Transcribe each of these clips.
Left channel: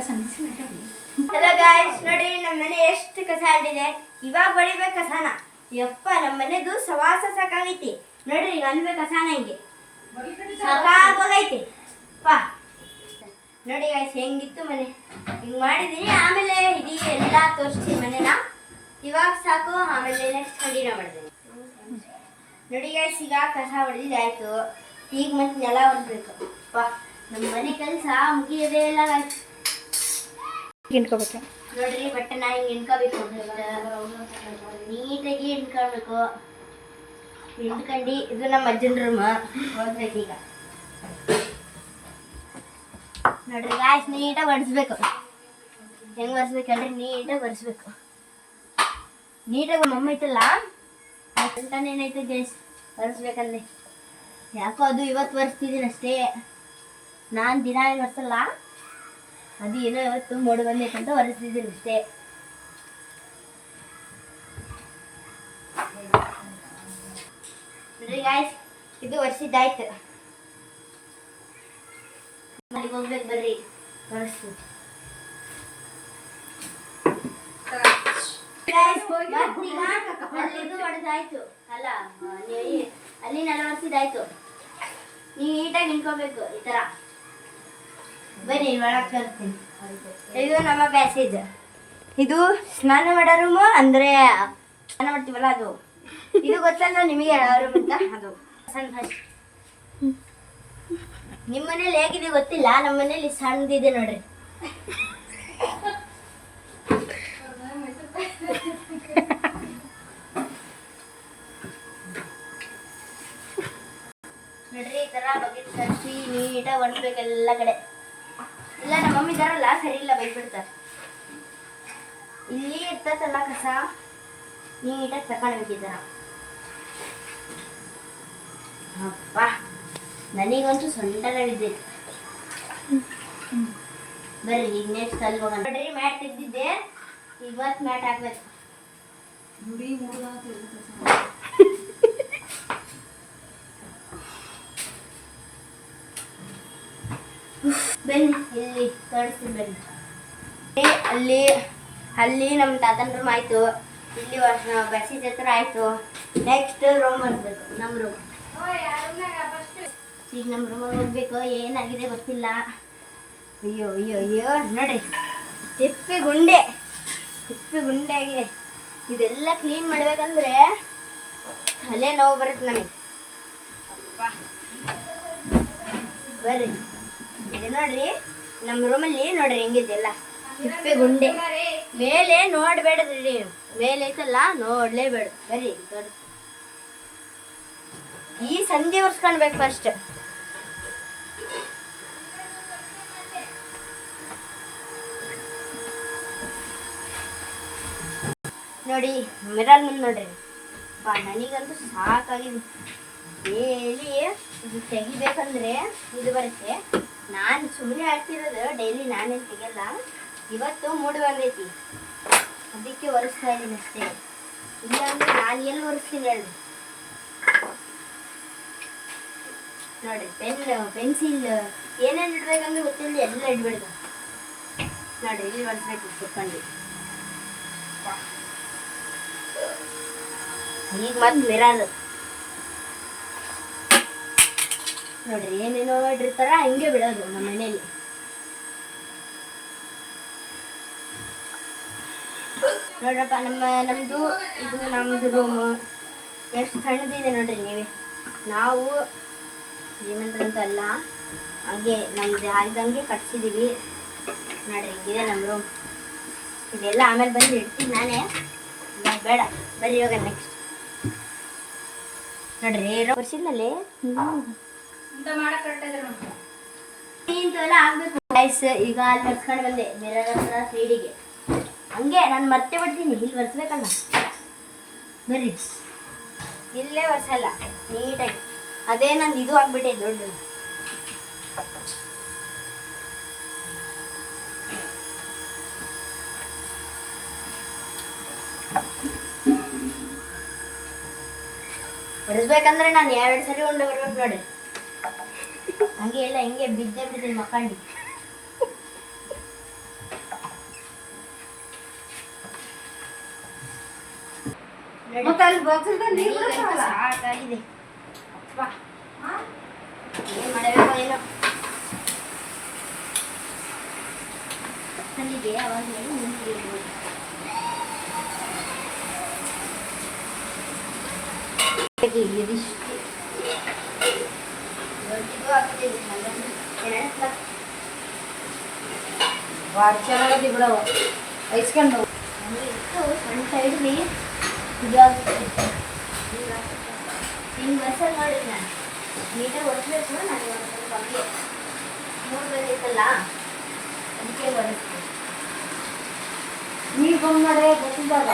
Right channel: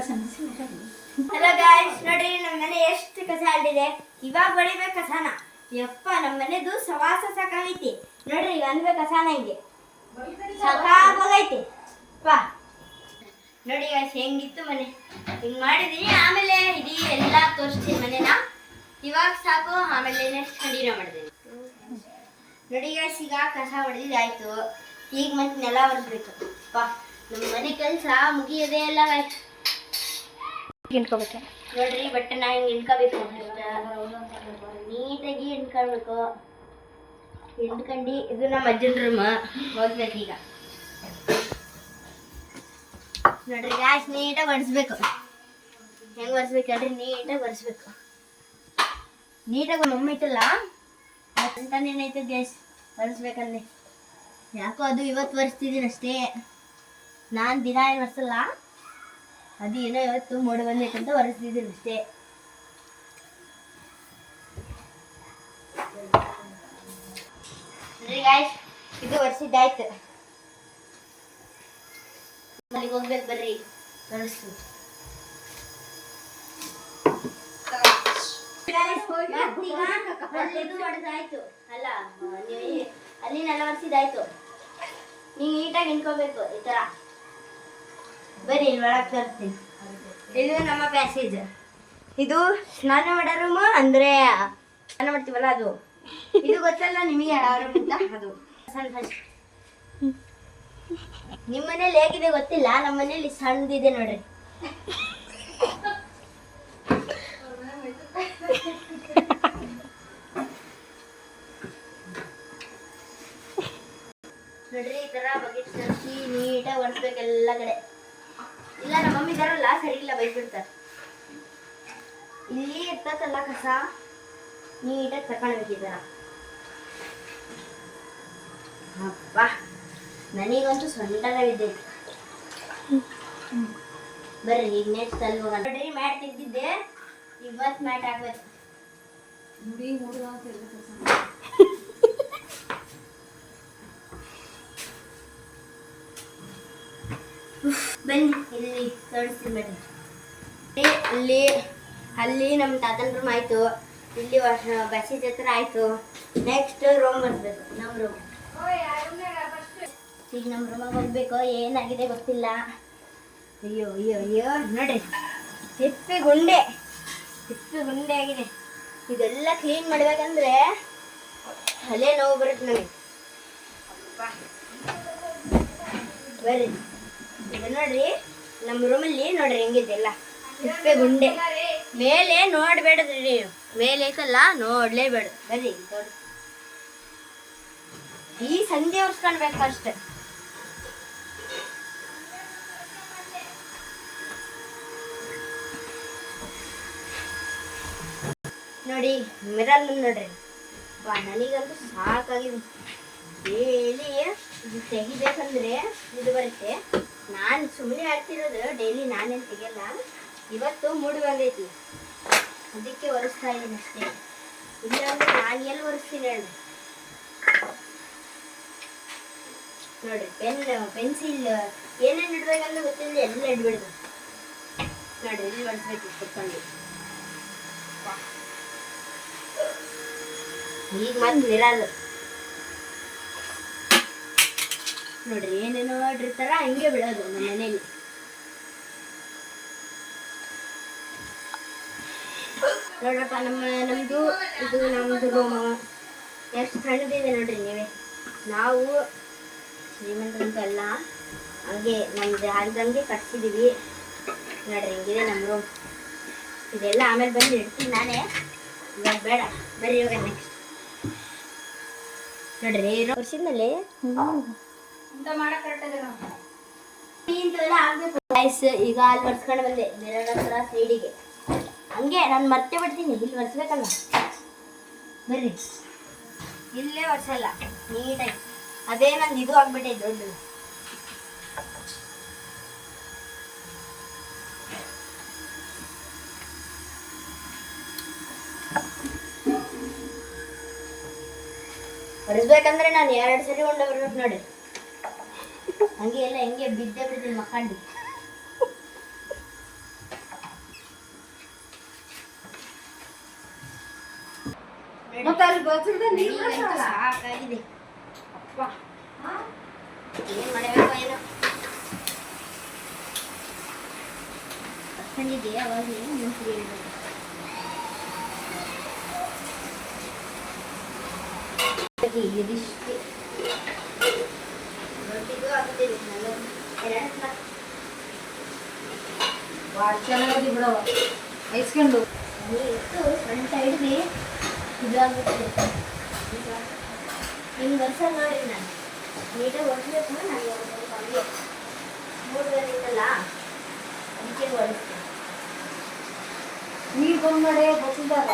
Hello guys, ನೋಡಿ ನಮ್ಮ ಮನೆ ಎಷ್ಟು ಕಸ ಆಡಿದೆ. ಇವಾಗ ಬಳಿಬೇಕು ಕಸನ. ಯಪ್ಪ, ನಮ್ಮ ಮನೆದು ಸವಾಸ ಸಾಕಾಗೈತಿ. ನೋಡ್ರಿ ಈಗ ಅನ್ಬೇಕು ಕಸನ ಹಿಂಗೆ ಸಾಕಾಗೈತಿ. ಪಾ ನೋಡಿ ಗಾಯ್ಸ್ ಹೆಂಗಿತ್ತು ಮನೆ. ಹಿಂಗೆ ಮಾಡಿದೀನಿ. ಆಮೇಲೆ ಇಡೀ ಎಲ್ಲ ತೋರಿಸ್ತೀನಿ ಮನೆನ. ಇವಾಗ ಸಾಕು. ಆಮೇಲೆ ನೆಕ್ಸ್ಟ್ ಅಡಿನ ಮಾಡಿದ್ದೀನಿ. ನೋಡಿ ಗಾಯ್ಸ್, ಈಗ ಕಸ ಹೊಡೆದಿದ್ದು ಆಯ್ತು. ಈಗ ಮತ್ತೆ ನೆಲ ಒರೆಸ್ಬೇಕು. ಪಾ ನಮ್ಮ ಮನೆ ಕೆಲಸ ಮುಗಿಯೋದೇ ಇಲ್ಲ ಗಾಯ್ಸ್. ಹಿಂಡ್ಕೋಬೇಕು ನೋಡ್ರಿ, ಬಟ್ಟೆನ ಹಿಂಗೆ ಹಿಂಡ್ಕೋಬೇಕು. ನೀಟಾಗಿ ಹಿಂಡ್ಕೊಳ್ಬೇಕು. ಹಿಂಡ್ಕೊಂಡು ಇದು ನಮ್ಮ ಅಜ್ಜನ ರೂಮ್. ಹೋಗ್ಬೇಕು ಈಗ. ನೋಡ್ರಿ ಗಾಯ್ಸ್, ನೀಟಾಗಿ ಒರೆಸ್ಬೇಕು. ಹೆಂಗೆ ಒರೆಸ್ಬೇಕು ಹೇಳ್ರಿ, ನೀಟಾಗಿ ಒರೆಸ್ಬೇಕು. ನೀಟಾಗಿ ಮಮ್ಮಿ ಐತಲ್ಲ ಅಂತಾನೇನೈತೆ ಗ್ಯಾಸ್ ಒರೆಸ್ಬೇಕಂದ್ರೆ. ಯಾಕೋ ಅದು ಇವತ್ತು ಒರೆಸ್ತಿದ್ದೀನಿ ಅಷ್ಟೇ. ನಾನು ದಿನ ಏನು ಒರೆಸಲ್ಲ. ಅದು ಏನೋ ಇವತ್ತು ಮೋಡಿ ಬಂದೈತೆ ಅಂತ ಒರೆಸ್ತಿದ್ದೀನಿ ಅಷ್ಟೇ. ನೋಡ್ರಿ ಗಾಯ್ಸ್, ಇದು ಒರೆಸಿದ್ದಾಯ್ತು. ಅಲ್ಲಿಗೆ ಹೋಗ್ಬೇಕು ಬರ್ರಿ, ಒರೆಸ್ತೀನಿ. ಅಲ್ಲಿದು ಹೊಡೆದಾಯ್ತು ಅಲ್ಲ, ಅಲ್ಲಿ ನೆಲ ಒರೆಸಿದಾಯ್ತು. ನೀವು ನೀಟಾಗಿ ನಿಂತ್ಕೋಬೇಕು ಈ ಥರ. ಬನ್ನಿ ಒಳಗೆ ತರ್ತೀನಿ. ಇದು ನಮ್ಮ ಪ್ಯಾಸೇಜ್. ಇದು ಸ್ನಾನ ಮಾಡೋ ರೂಮು, ಅಂದರೆ ಸ್ನಾನ ಮಾಡ್ತೀವಲ್ಲ ಅದು. ಇದು ಗೊತ್ತಲ್ಲ ನಿಮಗೆ ಯಾವ ರೂಮ್ ಅಂತ. ಅದು ಫಸ್ಟ್ ನಿಮ್ಮ ಮನೇಲಿ ಹೇಗಿದೆ ಗೊತ್ತಿಲ್ಲ, ನಮ್ಮ ಮನೇಲಿ ಸಣ್ಣದಿದೆ ನೋಡ್ರಿ. ನೋಡ್ರಿ, ಈ ಥರ ಬಕೆಟ್ ತರಿಸಿ ನೀಟಾಗಿ ಒರೆಸ್ಬೇಕು ಎಲ್ಲ ಕಡೆ. ಇಲ್ಲ ನಮ್ಮ ಮಮ್ಮಿ ಇದಾರಲ್ಲ, ಸರಿ ಇಲ್ಲ ಬೈಬಿಡ್ತಾರೆ. ಇಲ್ಲಿ ಇರ್ತದಲ್ಲ ಕಸ, ನೀಟಾಗಿ ತಗೊಂಡ್ಬೇಕಿದ್ದಾರ. ಅಪ್ಪ, ನನಗಂತೂ ಸೊಂಟನ ಬಿದ್ದೈತಿ. ಬರ್ರಿ ಈಗ ನೆಕ್ಸ್ಟ್ ಅಲ್ಲಿ ಹೋಗೋಣ. ನೋಡ್ರಿ, ಮ್ಯಾಟ್ ತೆಗ್ದಿದ್ದೆ. ಇವತ್ತು ಮ್ಯಾಟ್ ಹಾಕ್ಬೇಕು. ಬನ್ನಿ ಇಲ್ಲಿ ತೋರಿಸ್ತೀನಿ ಬನ್ನಿ. ಅಲ್ಲಿ ಅಲ್ಲಿ ನಮ್ಮ ತಾತನ ರೂಮ್ ಆಯಿತು. ಇಲ್ಲಿ ಬಸ್ಸಿದ ಹತ್ರ ಆಯಿತು. ನೆಕ್ಸ್ಟ್ ರೂಮ್ ಬರಬೇಕು, ನಮ್ಮ ರೂಮ್. ಈಗ ನಮ್ಮ ರೂಮಾಗ ಹೋಗ್ಬೇಕು. ಏನಾಗಿದೆ ಗೊತ್ತಿಲ್ಲ. ಅಯ್ಯೋ ಅಯ್ಯೋ ಅಯ್ಯೋ, ನೋಡ್ರಿ ತಿಪ್ಪೆ ಗುಂಡೆ ಆಗಿದೆ. ಇದೆಲ್ಲ ಕ್ಲೀನ್ ಮಾಡ್ಬೇಕಂದ್ರೆ ಅಲ್ಲೇ ನೋವು ಬರುತ್ತೆ ನನಗೆ. ಬರ್ರಿ, ಇದು ನೋಡ್ರಿ ನಮ್ಮ ರೂಮಲ್ಲಿ ನೋಡ್ರಿ ಹೆಂಗಿದೆಲ್ಲ ತಿಪ್ಪೆ ಗುಂಡೆ. ಮೇಲೆ ನೋಡ್ಬೇಡ್ರಿ ನೀವು, ಮೇಲೆ ಐತಲ್ಲ ನೋಡ್ಲೇಬೇಡ. ಬರ್ರಿ ನೋಡಿ, ಈ ಸಂಜೆ ಒರೆಸ್ಕೊಳ್ಬೇಕು ಫಸ್ಟ್. ನೋಡಿ ಮಿರರ್ ನೋಡ್ರಿ. ಬಾ, ನನಗಂತೂ ಸಾಕಾಗಿದೆ. ಡೈಲಿ ಇದು ತೆಗಿಬೇಕಂದ್ರೆ ಇದು ಬರುತ್ತೆ. ನಾನು ಸುಮ್ಮನೆ ಆಡ್ತಿರೋದು, ಡೈಲಿ ನಾನೇನು ತೆಗಿಯಲ್ಲ. ಇವತ್ತು ಮೂಡು ಬಂದೈತಿ, ಅದಕ್ಕೆ ಒರೆಸ್ತಾ ಇದ್ದೀನಿ ಅಷ್ಟೇ. ಇಲ್ಲಾಂದ್ರೆ ನಾನು ಎಲ್ಲಿ ಒರೆಸ್ತೀನಿ ಹೇಳ್ರಿ. ನೋಡ್ರಿ, ಪೆನ್ಸಿಲ್ ಏನೇನು ಇಡ್ಬೇಕಂದ್ರೆ ಗೊತ್ತಿಲ್ಲ, ಎಲ್ಲ ಇಡ್ಬಿಡ್ದ. ನೋಡ್ರಿ, ಇಲ್ಲಿ ಒರೆಸ್ಬೇಕು ಕುತ್ಕೊಂಡು. ಈಗ ಮತ್ತೆ ಮಿರರ್ ನೋಡ್ರಿ, ಏನೇನೋ ಇಟ್ಟಿರ್ತಾರ, ಹಿಂಗೆ ಬಿಡೋದು ನಮ್ಮ ಮನೇಲಿ. ನೋಡ್ರಪ್ಪ, ನಮ್ಮದು ಇದು ನಮ್ಮದು ರೂಮು ಎಷ್ಟು ಸಣ್ಣದಿದೆ ನೋಡ್ರಿ ನೀವೇ. ನಾವು ಶ್ರೀಮಂತರಂತಲ್ಲ, ಹಾಗೆ ನಮ್ದು ಆಗ್ದಂಗೆ ಕಟ್ಸಿದ್ದೀವಿ. ನೋಡ್ರಿ ಹಿಂಗಿದೆ ನಮ್ಮ ರೂಮ್. ಇದೆಲ್ಲ ಆಮೇಲೆ ಬಂದು ಇಡ್ತೀನಿ ನಾನೇ, ಇವಾಗ ಬೇಡ. ಬರ್ರಿ ಇವಾಗ ನೆಕ್ಸ್ಟ್ ನೋಡ್ರಿ ವರ್ಷದಲ್ಲಿ ಇಂಥವೆಲ್ಲ ಆಗ್ಬೇಕು ಗೈಸ್. ಈಗ ಅಲ್ಲಿ ಒರೆಸ್ಕೊಂಡು ಬಂದೆ ಮಿರರ್ ಹತ್ರ ಸೈಡಿಗೆ. ಹಂಗೆ ನಾನು ಮರ್ತೇ ಬಿಡ್ತೀನಿ, ಇಲ್ಲಿ ಒರೆಸ್ಬೇಕಲ್ಲ. ಬರ್ರಿ, ಇಲ್ಲೇ ಒರೆಸಲ್ಲ ನೀಟಾಗಿ. ಅದೇ ನಂದು ಇದು ಆಗ್ಬಿಟ್ಟೈತೆ ದೊಡ್ಡದು. ಒರೆಸ್ಬೇಕಂದ್ರೆ ನಾನು 2 ಸರಿ ಉಂಡೆ ಬರ್ಬೇಕು ನೋಡಿ. ಹಂಗೆ ಎಲ್ಲ ಹಿಂಗೆ ಬಿದ್ದೆ ಬಿಡ್ತೀನಿ ಮಕ್ಕಂಡು. ಮತ್ತೆ ಅಲ್ಲಿ ಬಚ್ಚದ ನೀರು ಬಿಡಲ್ಲ. ಸಾಕಾಗಿದೆ. ಏನ್ ಮಾಡಬೇಕು ಏನೋ ಬಂದಿದ್ದೆ ಅವಾಗಲೇ ನಿಂತು ಇದಿಷ್ಟು ದೊಡ್ಡದು ಆಗ್ತಿದೆ ವಾರ ಚೆನ್ನಾಗದಿ ಬಿಡವ ಐಸ್ಕೊಂಡು ಸಣ್ಣ ಸೈಡ್ಲಿ ಇದಾಗುತ್ತೆ. ನಿಮ್ಗೆ ವರ್ಷ ನೋಡಿ ನಾನು ನೀಟಾಗಿ ಒರೆಸ್ಬೇಕು. ನಾನು ಒಂದು ಸ್ವಲ್ಪ ಹಂಗೆ 3 ಬಂದಿತ್ತಲ್ಲ ಅದಕ್ಕೆ ಒರೆಸ್ತೀನಿ. ನೀರು ಬಂದ್ ಮಾಡಿ ಬಸ್ಸಿದಾಗ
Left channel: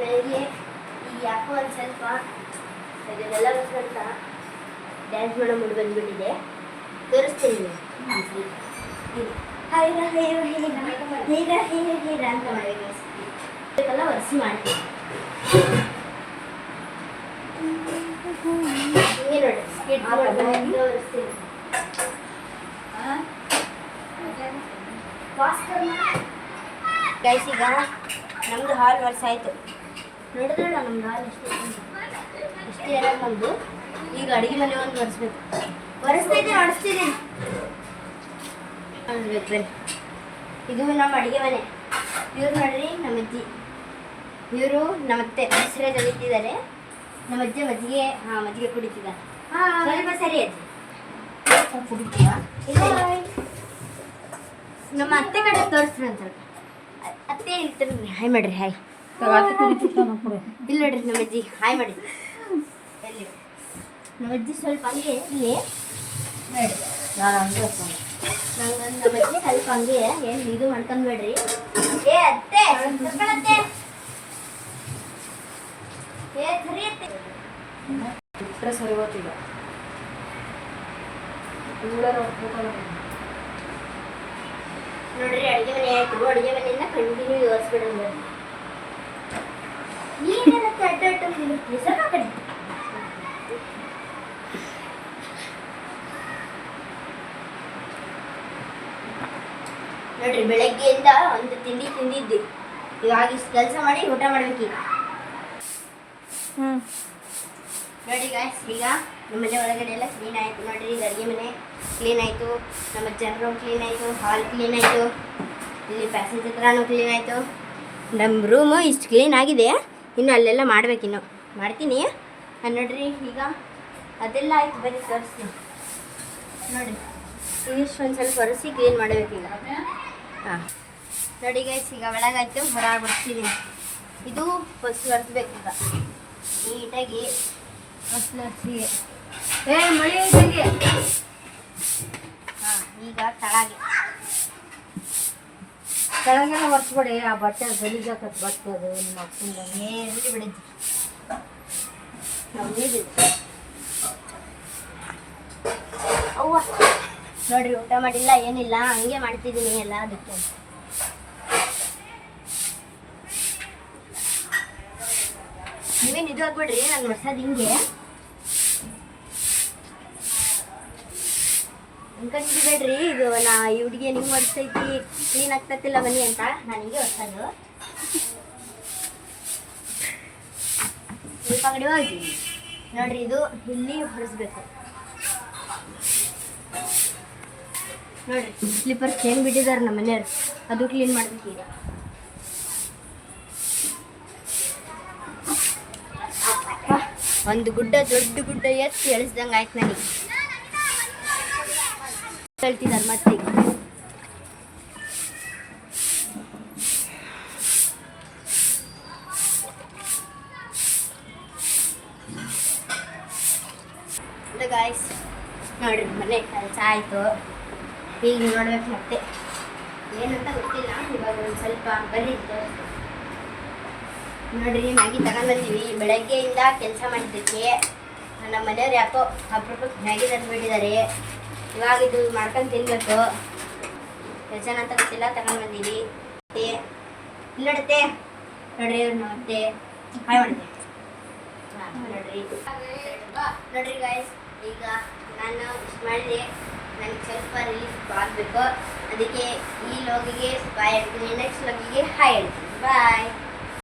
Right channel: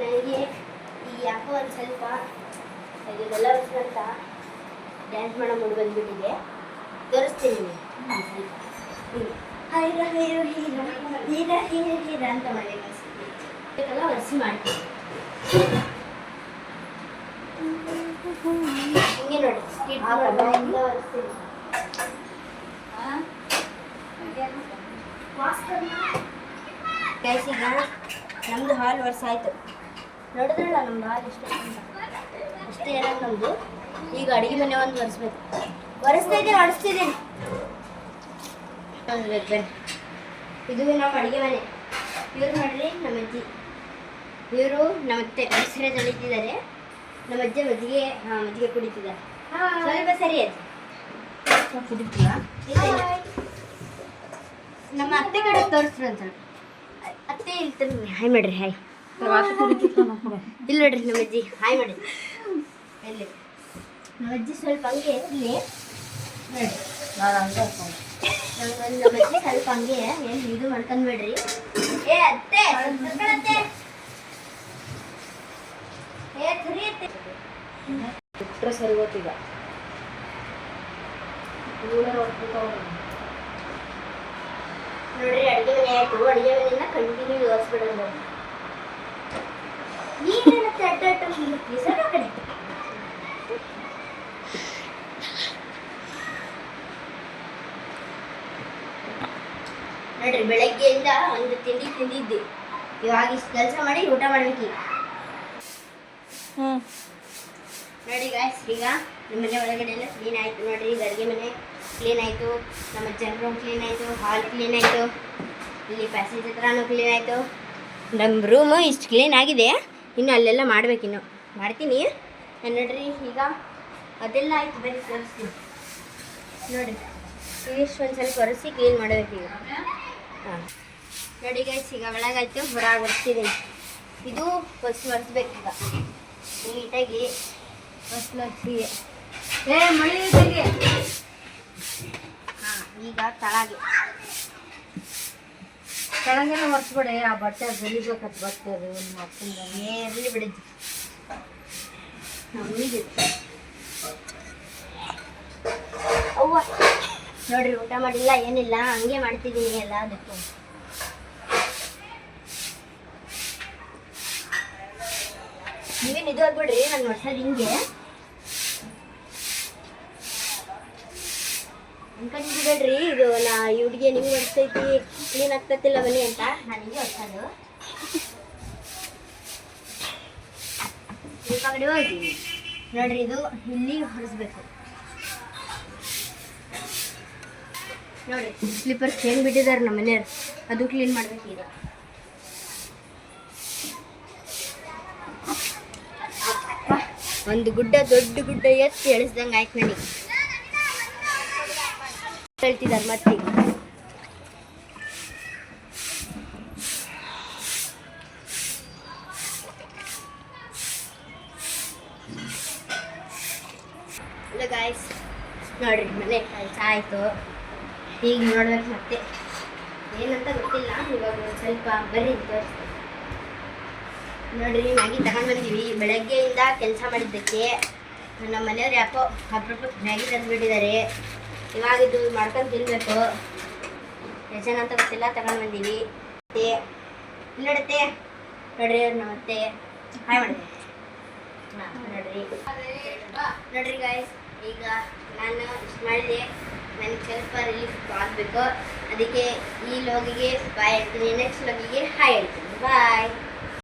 ನನಗೆ ಈಗ ಯಾಕೋ ಒಂದು ಸ್ವಲ್ಪ ಇದನ್ನೆಲ್ಲ ಅಂತ ಡ್ಯಾನ್ಸ್ ಮಾಡೋ ಮುಂದೆ ಬಂದುಬಿಟ್ಟಿದೆ. ತೋರಿಸ್ತೀನಿ ನೀವು ಹೈರ ಹೈರ ಹೈರ ಹೈರ ಹೈರ ಹೈರ ಅಂತ ಮಾಡಬೇಕು ಬೇಕಲ್ಲ ಒರೆಸಿ ಮಾಡ್ತೀನಿ. ಹಿಂಗೆ ನೋಡಿ ಸ್ಕಿಟ್ ಮಾಡ್ಕೊಂಡು ಒರೆಸ್ತೀನಿ. ಗೈಸ್ ಈಗ ನಮ್ಮದು ಹಾಲ್ ವರ್ಷ ಆಯಿತು. ನೋಡಿದ್ರಲ್ಲ ನಮ್ದು ಹಾಲ್ ಎಷ್ಟು ಅಷ್ಟೇ ಇರೋದು ನಮ್ಮದು. ಈಗ ಅಡುಗೆ ಮನೆ ಒಂದು ಒರೆಸ್ಬೇಕು. ಒರೆಸ್ತಿದ್ದೀನಿ ಒರೆಸ್ಬೇಕು ಬನ್ನಿ. ಇದು ನಮ್ಮ ಅಡುಗೆ ಮನೆ. ಇವ್ರು ನೋಡ್ರಿ ನಮ್ಮ ಅಜ್ಜಿ. ಇವರು ನಮ್ಮ ಅತ್ತೆ ಹೆಸರೇ ತೆಗಿತಿದ್ದಾರೆ. ನಮ್ಮ ಅಜ್ಜಿ ಮಜ್ಜಿಗೆ ಕುಡಿತಿದ್ದಾರೆ. ಸ್ವಲ್ಪ ಸರಿ ಅಜ್ಜಿ ಕುಡಿತೀರಾ? ನಮ್ಮ ಅತ್ತೆ ಕಡೆ ತೋರಿಸ್ರಿ ಒಂದು ಸ್ವಲ್ಪ. ಅತ್ತೆ ಇಲ್ತಿರ್ರಿ ಹಾಯ್ ಮಾಡ್ರಿ ಹಾಯ್. ಇಲ್ಲಿ ನೋಡ್ರಿ ನಮ್ಮ ಅಜ್ಜಿ ಹಾಯ್ ಮಾಡಿ. ಎಲ್ಲಿ ನಮ್ಮ ಅಜ್ಜಿ ಸ್ವಲ್ಪ ಹಂಗೆ ಇಲ್ಲಿ ನೋಡಿ. ನಾನು ಹಂಗೆ ನಮ್ಮ ಅಜ್ಜಿ ಸ್ವಲ್ಪ ಹಂಗೆ ಏನು ಇದು ಮಾಡ್ಕೊಂಡ್ಬೇಡ್ರಿ. ಏ ಅತ್ತೆ ಕರ್ಕೊಳತ್ತೆ. ಏ ಸರಿ ಅತ್ತೆ ಬಿಟ್ಟರೆ ಸರಿ ಗೊತ್ತೀಗ ನೋಡ್ರಿ ಅಡುಗೆ ಮನೆ ಆಯ್ತು. ಅಡುಗೆ ಮನೆಯಿಂದ ಕಂಟಿನ್ಯೂ ಓದಿಸ್ಬಿಡೋದು. ನೀನೇನತ್ತೆ ಅಡ್ಡ ಹೆಸರು ಕಡೆ ನೋಡ್ರಿ ಬೆಳಗ್ಗೆಯಿಂದ ಒಂದು ತಿಂಡಿ ತಿಂದಿದ್ದೆ. ಇವಾಗ ಇಷ್ಟು ಕೆಲಸ ಮಾಡಿ ಊಟ ಮಾಡ್ಬೇಕೀಗ. ನೋಡಿ ಗಾಯ್ಸ್ ಈಗ ನಮ್ಮ ಮನೆ ಒಳಗಡೆ ಎಲ್ಲ ಕ್ಲೀನ್ ಆಯಿತು. ನೋಡ್ರಿ ಈಗ ಅಡುಗೆ ಮನೆ ಕ್ಲೀನ್ ಆಯಿತು. ನಮ್ಮ ಅಜ್ಜನ ರೂಮ್ ಕ್ಲೀನ್ ಆಯಿತು. ಹಾಲ್ ಕ್ಲೀನ್ ಆಯಿತು. ಇಲ್ಲಿ ಪ್ಯಾಸೇಜ್ ಹತ್ರನೂ ಕ್ಲೀನ್ ಆಯಿತು. ನಮ್ಮ ರೂಮು ಇಷ್ಟು ಕ್ಲೀನ್ ಆಗಿದೆ. ಇನ್ನು ಅಲ್ಲೆಲ್ಲ ಮಾಡ್ಬೇಕಿನ್ನು ಮಾಡ್ತೀನಿ. ನೋಡ್ರಿ ಈಗ ಅದೆಲ್ಲ ಆಯ್ತು. ಬರೀ ತೋರಿಸ್ತೀನಿ ನೋಡಿ. ಇಷ್ಟು ಒಂದು ಸ್ವಲ್ಪ ಒರೆಸಿ ಕ್ಲೀನ್ ಮಾಡಬೇಕೀಗ. ಹಾಂ ನೋಡಿ ಗೈಸ್ ಈಗ ಒಳಗಾಯ್ತು. ಹೊರಗೆ ಒರೆಸ್ತಿದ್ದೀನಿ. ಇದು ಫಸ್ಟ್ ಒರೆಸ್ಬೇಕೀಗ ನೀಟಾಗಿ. ಫಸ್ಟ್ ಒರೆಸಿ ಮಳೆ ಐತೆಗೆ. ಹಾಂ ಈಗ ತಳಗೆ ಕೆಳಗೆಲ್ಲ ಒರೆಸ್ಬೇಡಿ. ಆ ಬಟ್ಟೆ ಗಲೀಜಾಕತ್ ಬಟ್ಟೆ ಅದು ನಿಮ್ಮ ಅಪ್ಪಂದ ಇರಲಿ ಬಿಡಿದ್ವಿ ನಮ್ಮಿದು. ಅವ್ವ ನೋಡ್ರಿ ಊಟ ಮಾಡಿಲ್ಲ ಏನಿಲ್ಲ ಹಂಗೆ ಮಾಡ್ತಿದ್ದೀನಿ ಎಲ್ಲ. ಅದಕ್ಕೆ ನೀವೇನು ಇದು ಆಗ್ಬಿಡ್ರಿ ನಾನು ವರ್ಷದ ಹಿಂಗೆ ಅನ್ಕೊಂಡಿಬೇಡ್ರಿ. ಇದು ನಾ ಇವ್ರಿಗೆ ನಿಂಗೆ ಒರೆಸ್ತೈತಿ ಕ್ಲೀನ್ ಆಗ್ತತಿಲ್ಲ ಬನ್ನಿ ಅಂತ ನಾನು ಹಿಂಗೆ ಹೊರ್ಸೋದು. ಸ್ವಲ್ಪ ಕಡೆ ಹೋಗ್ತೀವಿ ನೋಡ್ರಿ. ಇದು ಇಲ್ಲಿ ಹೊರಿಸ್ಬೇಕು ನೋಡ್ರಿ. ಸ್ಲಿಪ್ಪರ್ಸ್ ಹೆಂಗೆ ಬಿಟ್ಟಿದ್ದಾರೆ ನಮ್ಮ ಮನೆಯವ್ರು ಅದು ಕ್ಲೀನ್ ಮಾಡ್ಬೇಕು ಈಗ. ಒಂದು ಗುಡ್ಡ ದೊಡ್ಡ ಗುಡ್ಡ ಎತ್ತಿ ಎಳಿಸ್ದಂಗೆ ಆಯ್ತು ನನಗೆ. ಹೇಳ್ತಿದ್ದಾರೆ ಮತ್ತೀಗ ಗಾಯ್ಸ್ ನೋಡ್ರಿ ಮನೆ ಕೆಲಸ ಆಯಿತು. ಈಗ ನೋಡ್ಬೇಕು ಮತ್ತೆ ಏನಂತ ಗೊತ್ತಿಲ್ಲ. ಇವಾಗ ಒಂದು ಸ್ವಲ್ಪ ಬರ್ರಿ ನೋಡ್ರಿ ಮ್ಯಾಗಿ ತಗೊಂಡು ಬಂದೀವಿ. ಬೆಳಗ್ಗೆಯಿಂದ ಕೆಲಸ ಮಾಡಿದ್ದಕ್ಕೆ ನಮ್ಮ ಮನೆಯವ್ರು ಯಾಕೋ ಅಪರೂಪಕ್ಕೆ ಮ್ಯಾಗಿ ತಂದುಬಿಟ್ಟಿದ್ದಾರೆ. ಇವಾಗ ಇದು ಮಾಡ್ಕೊಂಡು ತಿನ್ಬೇಕು. ಎಷ್ಟು ಜನ ಅಂತ ಗೊತ್ತಿಲ್ಲ ತಗೊಂಡು ಬಂದೀವಿ. ನೋಡುತ್ತೆ ನೋಡ್ರಿ ಅವ್ರು ನಮ್ಮತ್ತೆ ಹಾಯ್ ಮಾಡಿದೆ. ನೋಡ್ರಿ ಗಾಯ್ಸ್ ಈಗ ನಾನು ಇಷ್ಟು ಮಾಡಿದೆ. ನನಗೆ ಆಗಬೇಕು. ಅದಕ್ಕೆ ಈ ಲೋಗಿಗೆ ಬಾಯ್ ಹೇಳ್ತೀನಿ, ನೆಕ್ಸ್ಟ್ ಲೋಗಿಗೆ ಹಾಯ್ ಹೇಳ್ತೀನಿ. ಬಾಯ್.